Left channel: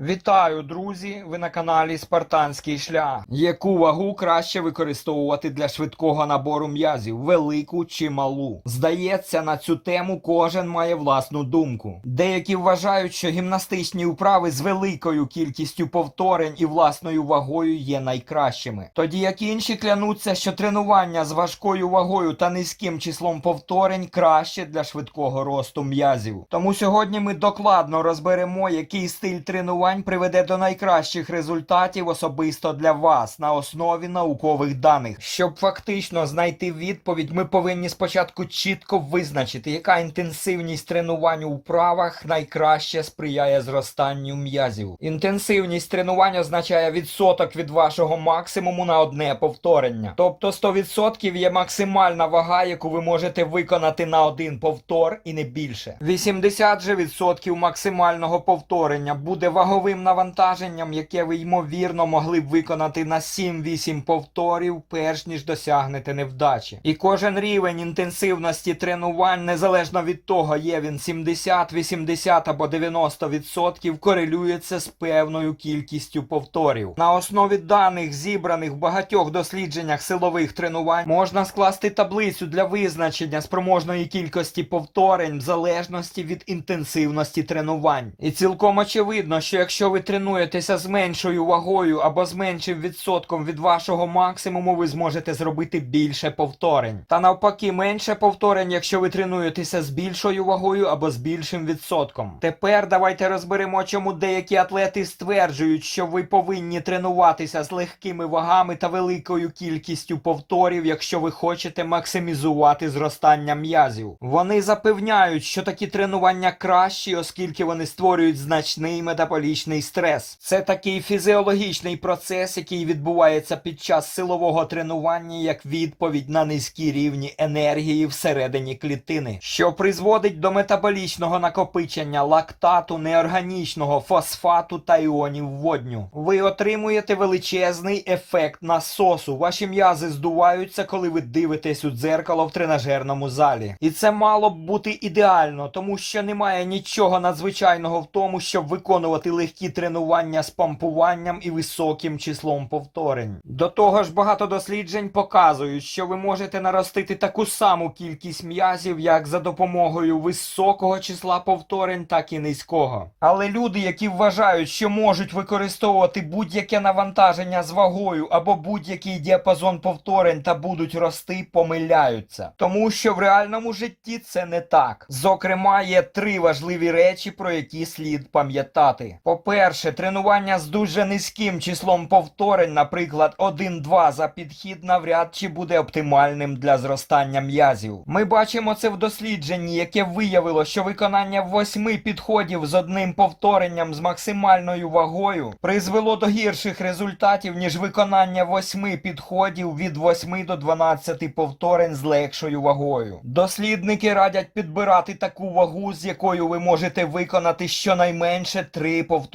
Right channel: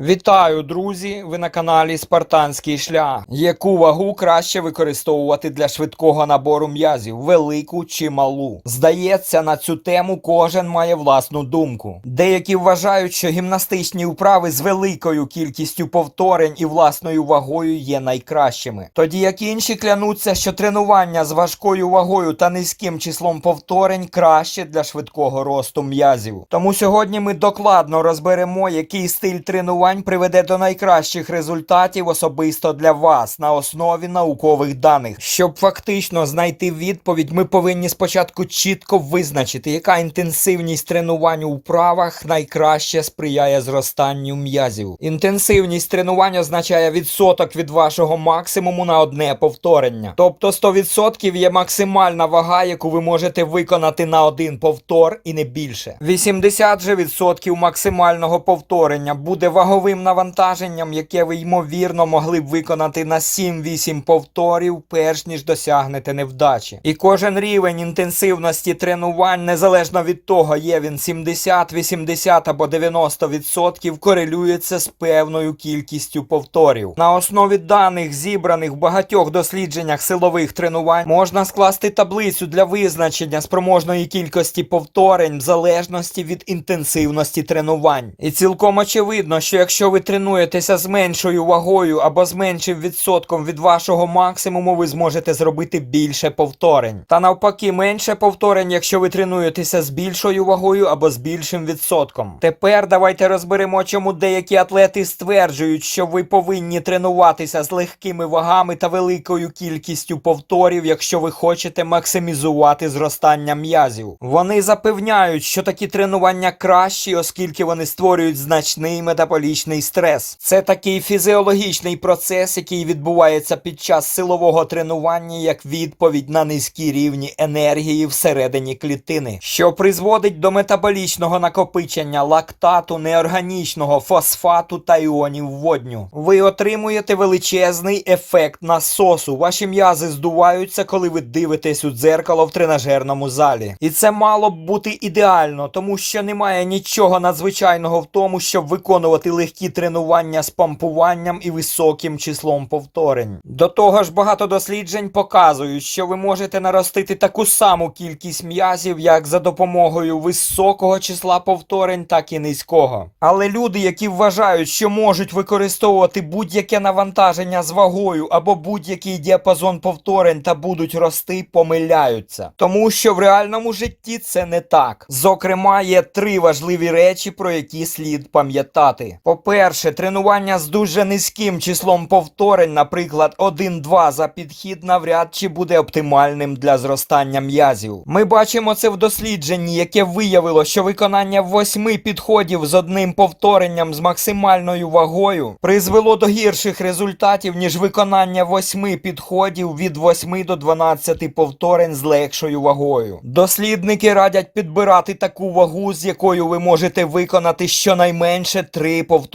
Вітаю, друзі! Ви на каналі Спартанський шлях. Яку вагу краще використовувати для швидкого набору м'язів, велику чи малу? Здається, на цю тему кожен має власну думку. Деякі вважають, що гімнастичні вправи з великою кількістю повторень і власною вагою є найкращими. Тоді як інші клянуться, що тренування з важкою вагою та низьким числом повторень краще для швидкого росту м'язів. Тому сьогодні ми докладно розберемо, який стиль тренувань приведе до найкращих результатів особисто для вас на основі наукових даних. Щоб фактично знайти відповідь, ми повинні спочатку чітко визначити, яка інтенсивність тренувань у вправах найкраще сприяє зростанню м'язів. Інтенсивність тренувань означає відсоток від вашого максимуму на одне повторення. Тобто 100% є максимальна вага, яку ви можете виконати на один повтор і не більше. 80 же відсотків максимального повторення буде ваговим навантаженням, яке ви ймовірно могли б виконати на 7-8 повторів, перш ніж досягнете невдачі. І кожен рівень інтенсивності тренувань, незалежно від того, є він 70, 80 або 90%, корелюється з певною кількістю повторів. На основі даних, зібраних в багатьох дослідженнях силових тренувань, можна скласти таблицю для визначення спроможної кількості повторень в залежності від інтенсивності тренувань. І цілком очевидно, що якщо ви тренуєтеся з меншою вагою або з меншим відсотком від вашого максимуму, ви зможете зробити більше повторень. Та навпаки, менше повторень, якщо ви тренуєтеся з більшою вагою або з більшим відсотком. Тепер давайте розберемо, чому деякі атлети стверджують, що ви повинні тренуватися з легкими вагами та великою кількістю повторів, якщо ви хочете максимізувати зростання м'язів. Вони запевняють, що такі тренування кращі, оскільки вони створюють значний метаболічний стрес. Це такий фізіологічний процес, який відбувається під час силового тренування як відповідь на низькі рівні енергії всередині клітини, що призводить до метаболічного накопичення лактату, неорганічного фосфату та іонів водню. Ви отримуєте величезний ефект насосу. Ваші м'язи здуваються, коли ви дивитесь у дзеркало в тренажерному залі. І це мало б бути ідеально, тому що немає нічого надзвичайного в тому, щоб виконувати легкі тренування з помпуванням і високим числом повторень. До того ж, багато досліджень показують, що ви можете наростити таку саму кількість м'язів, як за допомогою високого числа повторень, так і низького. Але люди, які вважають, що можуть використовувати будь-яке навантаження з вагою або будь-який діапазон повторень та будуть рости, помиляються. Тому що в реальному житті це не так. Зокрема, є три важливі речі, про які слід пам'ятати. По-перше, тренування з дуже низьким числом повторень, наприклад, 1-2 за підхід, навряд чи буде оптимальним для зростання м'язів. Ми бачимо це в дослідженні, яке виявило, що виконання восьми підходів з одним повторенням з максимальною вагою призвело до гірших результатів, ніж виконання восьми підходів від 8 до 12 повторень з легшою вагою. Дослідники радять підбирати таку вагу, з якою ви можете виконати щонайменше три повторення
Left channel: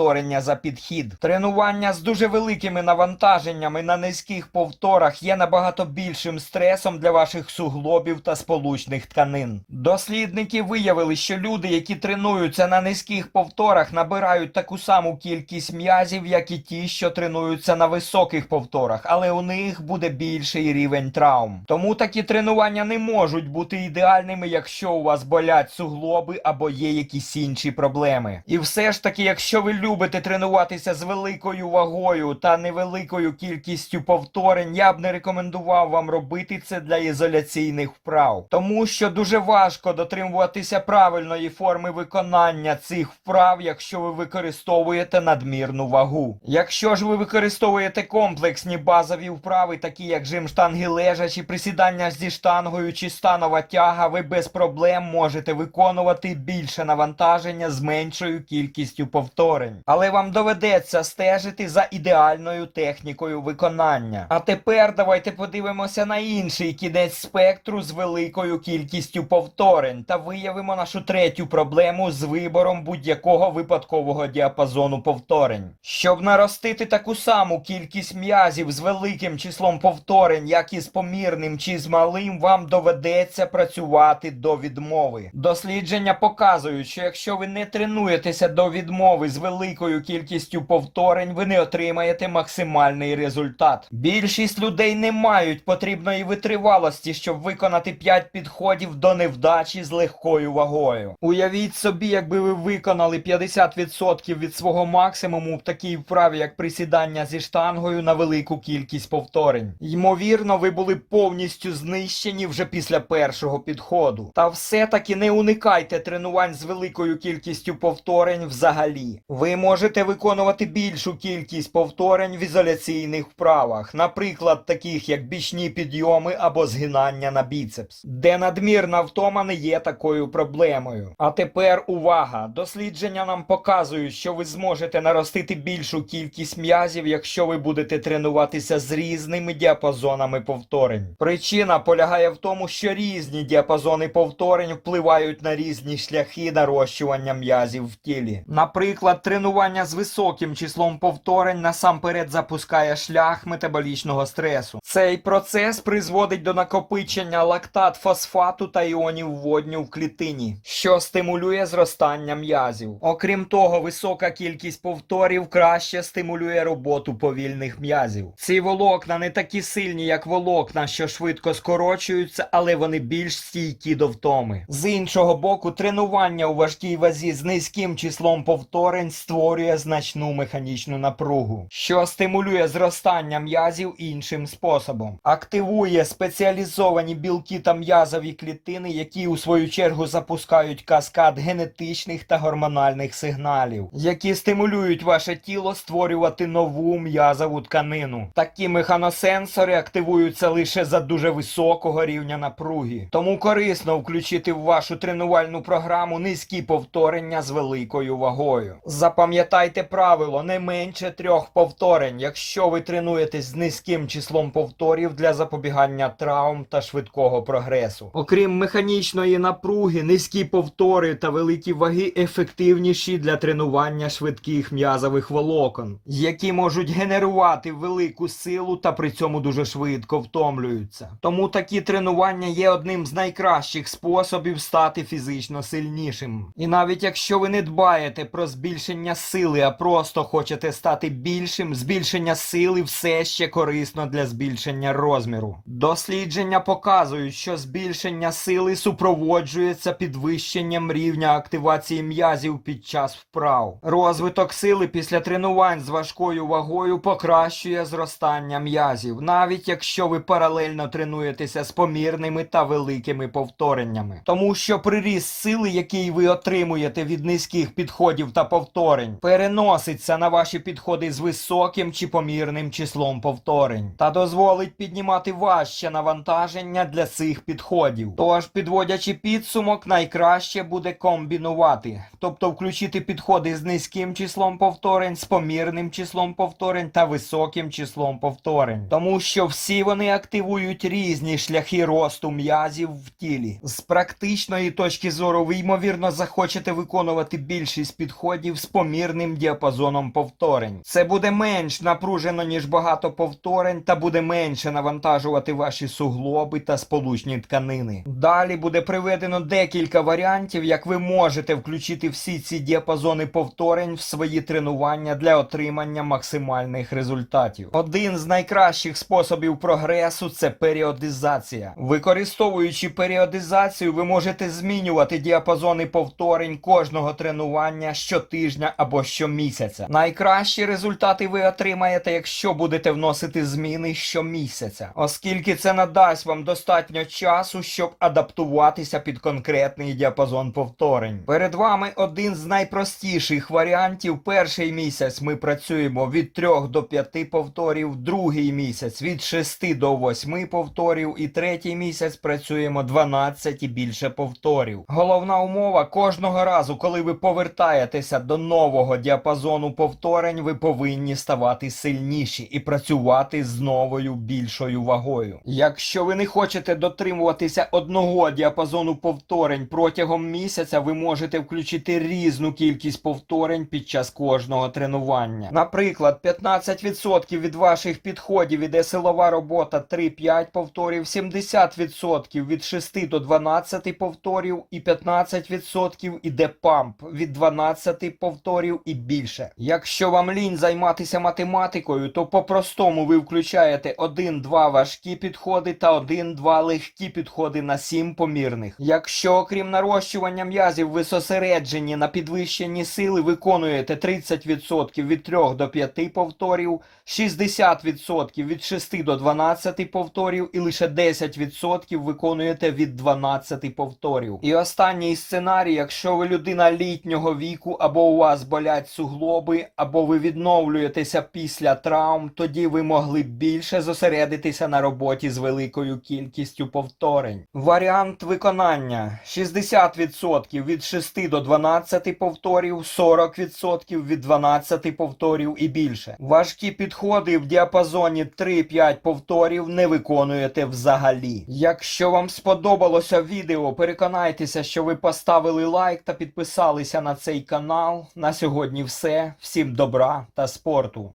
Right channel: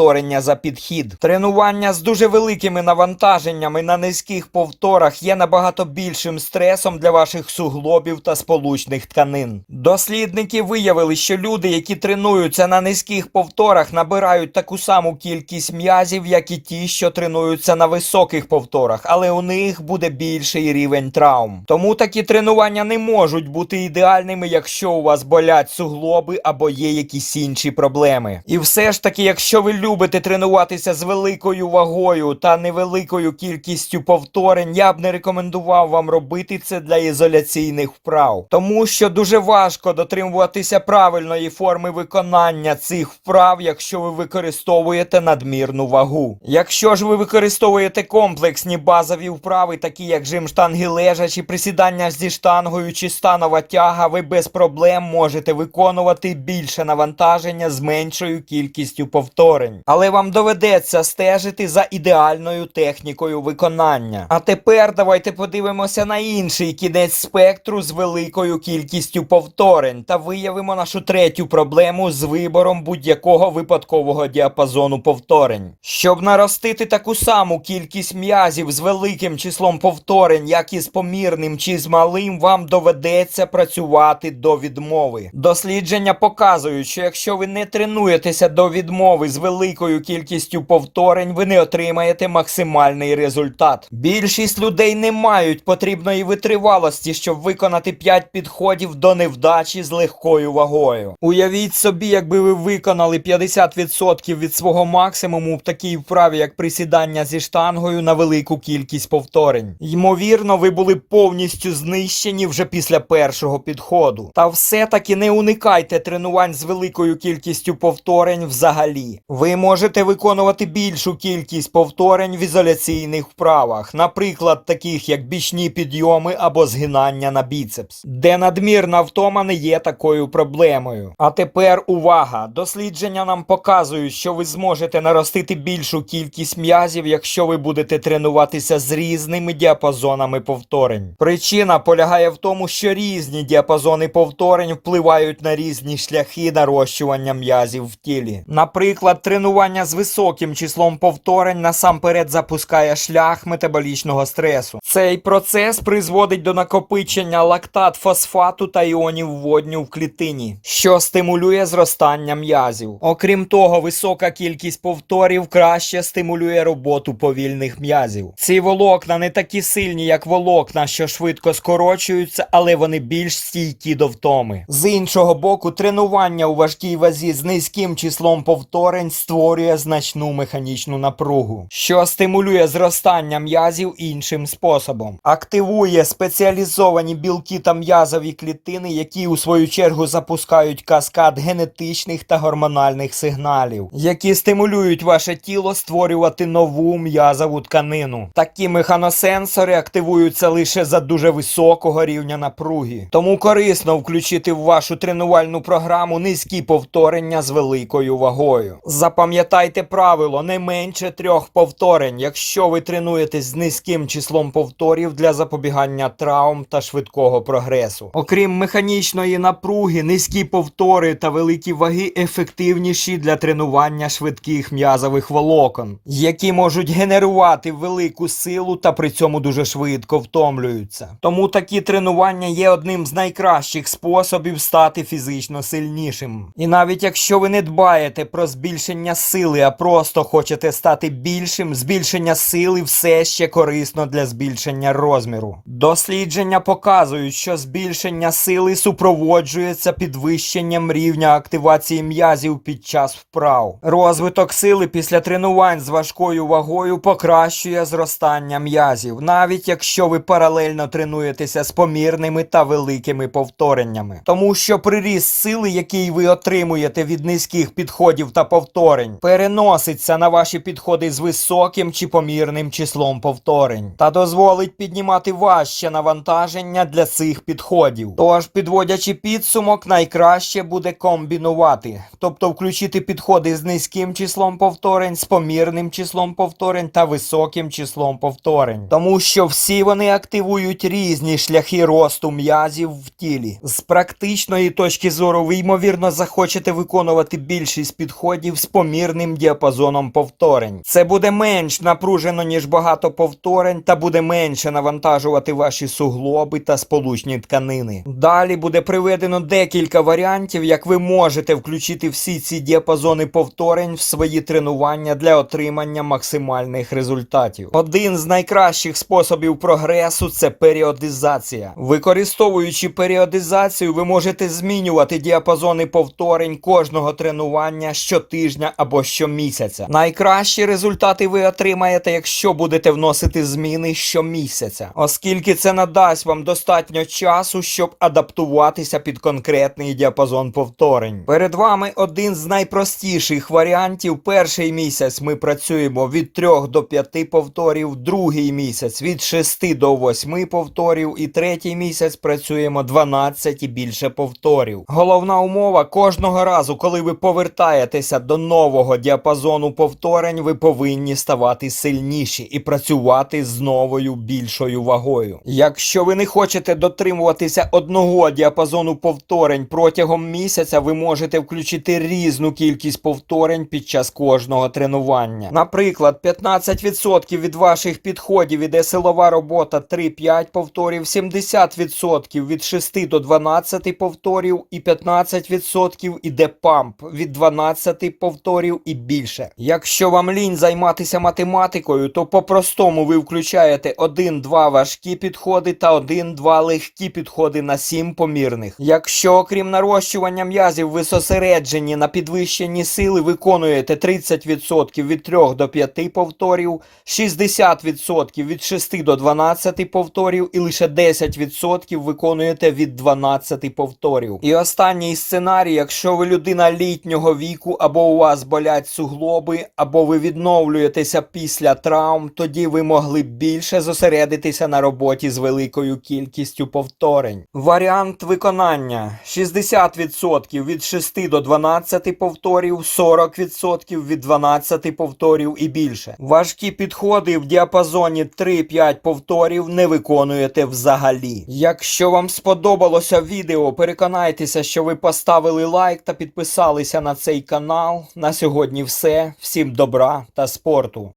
за підхід. Тренування з дуже великими навантаженнями на низьких повторах є набагато більшим стресом для ваших суглобів та сполучних тканин. Дослідники виявили, що люди, які тренуються на низьких повторах, набирають таку саму кількість м'язів, як і ті, що тренуються на високих повторах, але у них буде більший рівень травм. Тому такі тренування не можуть бути ідеальними, якщо у вас болять суглоби або є якісь інші проблеми. І все ж таки, якщо ви любите тренуватися з великою вагою та невеликою кількістю повторень, я б не рекомендував вам робити це для ізоляційних вправ, тому що дуже важко дотримуватися правильної форми виконання цих вправ, якщо ви використовуєте надмірну вагу. Якщо ж ви використовуєте комплексні базові вправи, такі як жим штанги лежачі, присідання зі штангою чи станова тяга, ви без проблем можете виконувати більше навантаження з меншою кількістю повторень. Але вам доведеться стежити за ідеальною технікою виконання. А тепер давайте подивимося на інший кінець спектру з великою кількістю повторень та виявимо нашу третю проблему з вибором будь-якого випадкового діапазону повторень. Щоб наростити таку саму кількість м'язів з великим числом повторень, як і з помірним чи з малим, вам доведеться працювати до відмови. Дослідження показують, що якщо ви не тренуєтеся до відмови з великим великою кількістю повторень ви не отримаєте максимальний результат. Більшість людей не мають потрібної витривалості, щоб виконати 5 підходів до невдачі з легкою вагою. Уявіть собі, якби ви виконали 50% від свого максимуму в такій вправі, як присідання зі штангою на велику кількість повторень. Ймовірно, ви були повністю знищені вже після першого підходу. Та все-таки не уникайте тренувань з великою кількістю повторень взагалі. Ви можете виконувати більшу кількість повторень в ізоляційних вправах, наприклад, таких як бічні підйоми або згинання на біцепс, де надмірна втома не є такою проблемою. А тепер увага! Дослідження нам показують, що ви зможете наростити більшу кількість м'язів, якщо ви будете тренуватися з різними діапазонами повторень. Причина полягає в тому, що різні діапазони повторень впливають на різні шляхи нарощування м'язів в тілі. Наприклад, тренування з високим числом повторень насамперед запускає шлях метаболічного стресу. Цей процес призводить до накопичення лактат фосфату та іонів водню в клітині, що стимулює зростання м'язів. Окрім того, висока кількість повторів краще стимулює роботу повільних м'язів. Ці волокна не такі сильні, як волокна, що швидко скорочуються, але вони більш стійкі до втоми. З іншого боку, тренування у важкій вазі з низьким числом повторень створює значну механічну напругу, що стимулює зростання м'язів іншим способом. Активує спеціалізовані білки та м'язові клітини, які у свою чергу запускають каскад генетичних та гормональних сигналів, які стимулюють ваше тіло створювати нову м'язову тканину. Такі механосенсори активуються лише за дуже високого рівня напруги. Тому корисно включити в вашу тренувальну програму низькі повторення з великою вагою. Запам'ятайте правило не менше трьох повторень, якщо ви тренуєтесь з низьким числом повторів для запобігання травм та швидкого прогресу. Окрім механічної напруги, низькі повтори та великі ваги ефективніші для тренування швидких м'язових волокон, які можуть генерувати велику силу та при цьому дуже швидко втомлюються. Тому такі тренування є одним з найкращих способів стати фізично сильнішим. І навіть якщо ви не дбаєте про збільшення сили, а просто хочете стати більшим, збільшення сили все ще корисно для збільшення розміру. Дослідження показують, що збільшення сили супроводжується підвищенням рівня активації м'язів під час вправ. Розвиток сили після тренувань з важкою вагою покращує зростання м'язів, навіть якщо ви паралельно тренуєтеся з помірними та великими повтореннями. Тому що приріст сили, який ви отримуєте від низьких підходів та повторень, переноситься на ваші підходи з високим чи помірним числом повторень та дозволить піднімати важче навантаження для цих підходів. Тож, підводячи підсумок, найкраще буде комбінувати, тобто включити підходи з низьким числом повторень, з помірним числом повторень та високим числом повторень, тому що всі вони активують різні шляхи росту м'язів в тілі. З практичної точки зору, ви ймовірно захочете виконувати більшість підходів з помірним діапазоном повторень. Це буде менш напружено, ніж багато повторень, та буде менше навантажувати ваші суглоби та сполучні тканини. Далі буде приведено декілька варіантів, як ви можете включити всі ці діапазони повторень в свої тренування для отримання максимальних результатів. Один з найкращих способів прогресу це періодизація. Використовуючи періодизацію, ви можете змінювати діапазони повторень кожного тренування щотижня або щомісяця. Найкращі результати ви отримаєте, якщо будете вносити зміни щомісяця, оскільки це надасть вам достатньо часу, щоб адаптуватися під конкретний діапазон повторень. Перед вами один з найпростіших варіантів. Перший місяць ми працюємо від 3 до 5 повторів, другий місяць від 6 до 8 повторів, і третій місяць працюємо 12 і більше повторів. Головна умова кожного разу, коли ви повертаєтеся до нового діапазону повторень, ви повинні ставати сильніші і працювати з новою більшою вагою. Якщо ви не хочете дотримуватися одного діапазону повторень протягом місяця, ви можете включити різну кількість повторень під час кожного тренування. Наприклад, 15% від ваших підходів іде силова робота 3-5 повторів, 70% від 6 до 12 повторів і 15% іде памп від 12 повторів повторів і більше. Якщо вам лінь займатися математикою, то по-простому ви включаєте 1-2 важкі підходи та 1-2 легкі підходи на 7 помірних. Якщо окрім нарощування м'язів ви зосереджені на підвищенні сили, виконуєте 30% від 3 до 5 повторів, 60% від 6 до 12 повторів і лише 10% виконуєте від 12 повторів. І останній сценарій, якщо ви людина літнього віку, або у вас болять суглоби, або ви відновлюєтеся після травм, тоді ви могли б більше зосередитися на роботі з великою кількістю повторень. Варіант виконання 60% від 6 до 12 повторів, 40% від 12 повторів і більше. Важкі підходи в діапазоні 3-5 повторів не виконуєте взагалі. Якщо вам сподобалося відео, переконайтеся, що ви поставили лайк та підписалися на цей канал. На сьогодні все. Всім добра та спорту.